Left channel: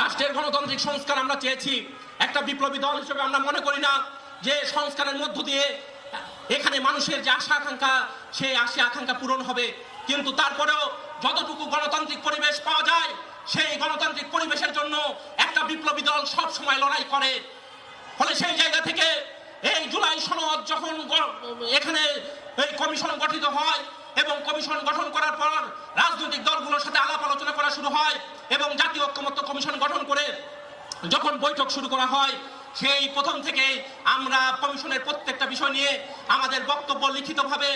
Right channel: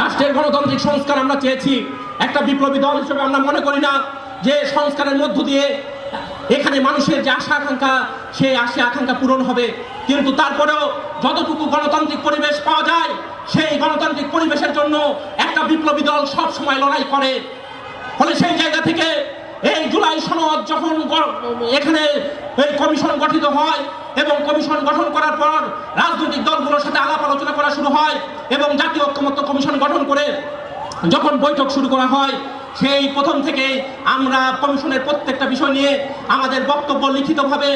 রাষ্ট্রের গণতান্ত্রিক সংস্কার আমরা চেয়েছি। একটা বিপ্লবী দল হিসেবে আমরা মনে করি না যে সংস্কারের মধ্য দিয়ে এখানে মানুষের যে আশা আকাঙ্ক্ষা, সেই আশা আকাঙ্ক্ষা পূরণ হবে। কিন্তু তারপরেও যতটুকু গণতান্ত্রিক পরিবেশ পাওয়া যায়, সেই গণতান্ত্রিক পরিবেশের জন্য একটা বিপ্লবী দল সব সময় লড়াই করে। ফলে সেই জায়গা থেকে এই জুলাই সনদ যখন এখানে এই কমিশন গঠিত হয় এবং কমিশন গঠন করার পর রাজনৈতিক দলগুলোর সাথে আলাপ আলোচনা করা শুরু হয় এবং জাতীয় ঐক্যমত্য কমিশন গঠন করে যখন বৈঠক শুরু করা হয়, সেই প্রথম থেকে আমরা কমিশনের প্রত্যেকটা বিষয় নিয়ে আমাদের বক্তব্য লিখিতভাবে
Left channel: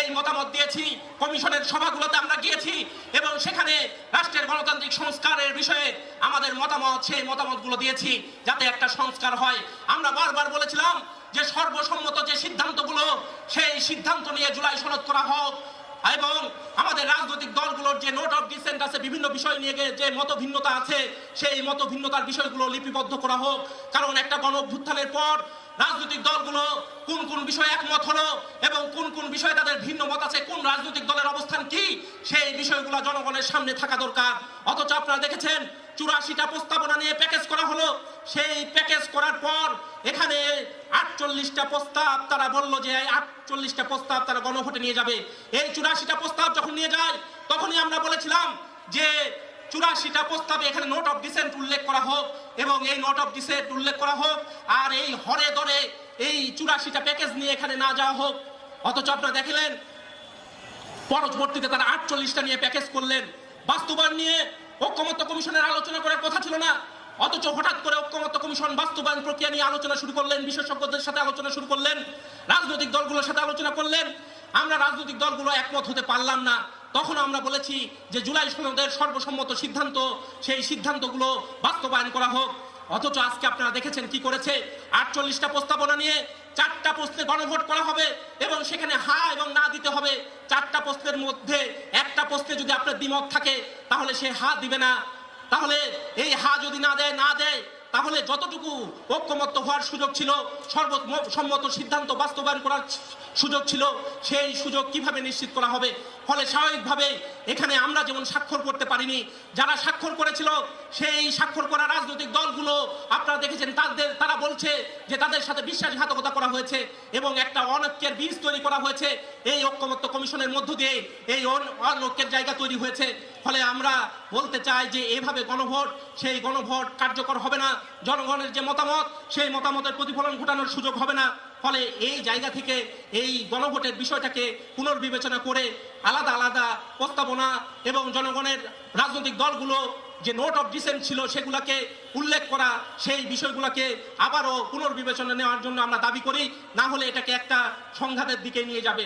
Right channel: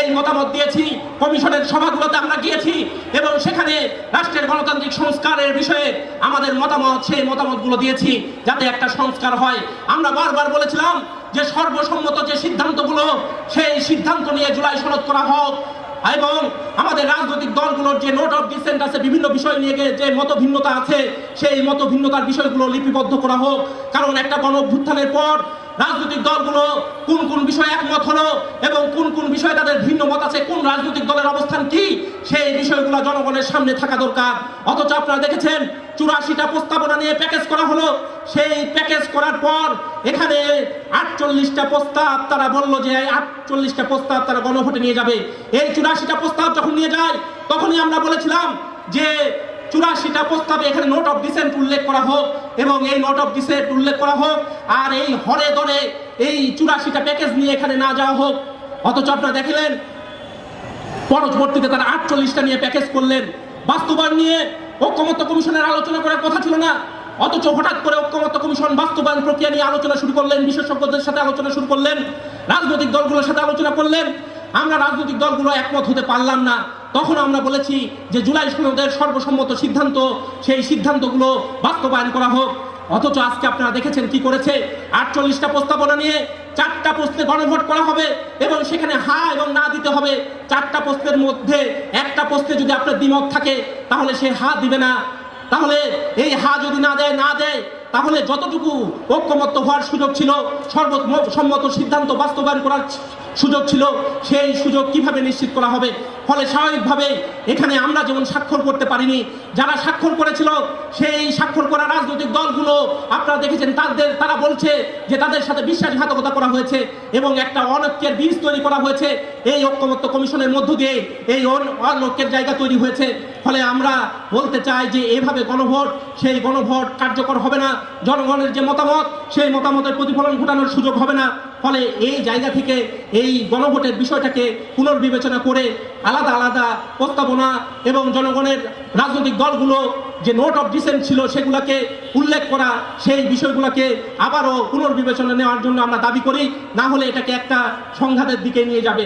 এই মতামত দিয়েছি। কমিশনের সভাগুলোতে আমরা গিয়েছি এবং সেখানে রাষ্ট্রের গণতান্ত্রিক সংস্কারের বিষয়ে আমাদের মতামত, সেই মতামতগুলো দিয়েছি যাতে একটা সংস্কার হয়। আমরা বারবার বলেছিলাম যে সর্বসম্মত যে সিদ্ধান্তগুলো, সেই সিদ্ধান্ত নিয়ে জুলাই সনদ করা হোক এবং আমাদের রাজনৈতিক দলগুলোর যে নোট অফ ডিসেন্ট আছে, বিভিন্ন বিষয় নিয়ে যে মত ভিন্নতা আছে, সেই মত ভিন্নতার বিষয়গুলো লিপিবদ্ধ করা হোক। কারণ একটা গণ পর রাজনৈতিক দলগুলো কোন কোন বিষয়ে একমত হলো এবং কোন কোন বিষয়ে তাদের ভিন্ন মত আছে, কোন রাজনৈতিক দলের অবস্থান কি, সেই বিষয়গুলো জনগণের সামনে থাকা দরকার। অথচ আপনারা দেখেছেন, চুরাশিটা প্রস্তাবনা নিয়ে প্যাকেজ করা হলো। সেই প্যাকেজ করার পর এখানে আটচল্লিশটা প্রস্তাব তারা বলল যে আটচল্লিশটা প্রস্তাব তারা গণভোটে নিয়ে যাবে। এই চুরাশিটা প্রস্তাব যখন নিয়ে যায়, তখনই আমরা বলেছিলাম যে চুরাশিটা প্রস্তাবে এখানে নোট অফ ডিসেন্ট উল্লেখ করা হোক এবং এই নোট অফ ডিসেন্ট উল্লেখ করা হোক আর এই হরে দরে এই চুরাশিটা প্যাকেজ নিয়ে এখানে না যাওয়া হোক। অথচ আপনারা দেখলেন, পরবর্তীতে তারা আটচল্লিশটা নিয়ে প্যাকেজ করলেন। বাস্তবায়ন নিয়ে ঐক্যমত্য কমিশনের আলোচনা করার কথা ছিল না। অথচ হঠাৎ করে ঐক্যমত্য কমিশন বাস্তবায়ন প্রক্রিয়া নিয়ে আলোচনা শুরু করলেন, বিশেষজ্ঞদের সাথে আলোচনা শুরু করলেন, রাজনৈতিক দলগুলোর সাথে আলোচনা করলেন। আমরা রাজনৈতিক দলগুলো একমত হতে পারলাম না। তখন আমরা বলেছি যে জুলাই সনদের সর্বসম্মত সিদ্ধান্ত, সেই সিদ্ধান্তগুলো বাস্তবায়ন করা হোক। অথচ আজকে আপনারা দেখেছেন কি করেছে? আটচল্লিশটা প্রস্তাবনা নিয়ে চারটা প্রশ্নে গণভোট করা হবে এবং সেখানে হা এবং না দিতে হবে। চারটা প্রশ্নের মধ্যে একটা প্রশ্নে যদি আপনার দ্বিমত থাকে, তাহলে সে হা দিবে না। তাহলে এই হা যদি না দেয় না দেয়, তাহলে যতটুকু ঐক্যমত্য হওয়ার সুযোগ ছিল, সর্বসম্মত সিদ্ধান্ত বাস্তবায়ন করার সুযোগ ছিল, সেই সুযোগ কীভাবে নিশ্চিত করা হবে? ফলে স্বাভাবিকভাবে এখানে আমরা যেমন স্বাক্ষর করতে পারিনি, যারা স্বাক্ষর করেছিল, সেই স্বাক্ষর করা রাজনৈতিক দলগুলো, আপনারা দেখেছেন তাদের, তারা বলছে যে তাদের সাথে বিশ্বাসঘাতকতা করা হয়েছে এবং একটা অনৈক্যের বীজ তৈরি করা হয়েছে। এই ঐক্যমত্য কমিশনের মধ্য দিয়ে এই অন- অনৈক্যের জায়গা তৈরি হয়েছে। ফলে আমরা বলতে চাই যে এভাবে গণভোট, সেই গণভোট কার্যকর হবে না। জনগণের যে মতামত, সেই মতামতের প্রতিফলন ঘটানোর সুযোগ হবে না। ফলে এই জায়গা থেকে এই গণভোটের বিষয়টাকে পুনর্বিবেচনা করে আলাদা আলাদা প্রস্তাবনা এবং জনগণের রাজনৈতিক দলগুলো যে নোট অফ ডিসেন্ট ছিল সেগুলোকে উল্লেখ করা, সেই বিষয়গুলোকে আবারও পুনর্বিবেচনা নেওয়ার জন্য আমরা দাবি করি, না হলে এটাকে একটা সংঘাতের দিকে নিয়ে যাবে।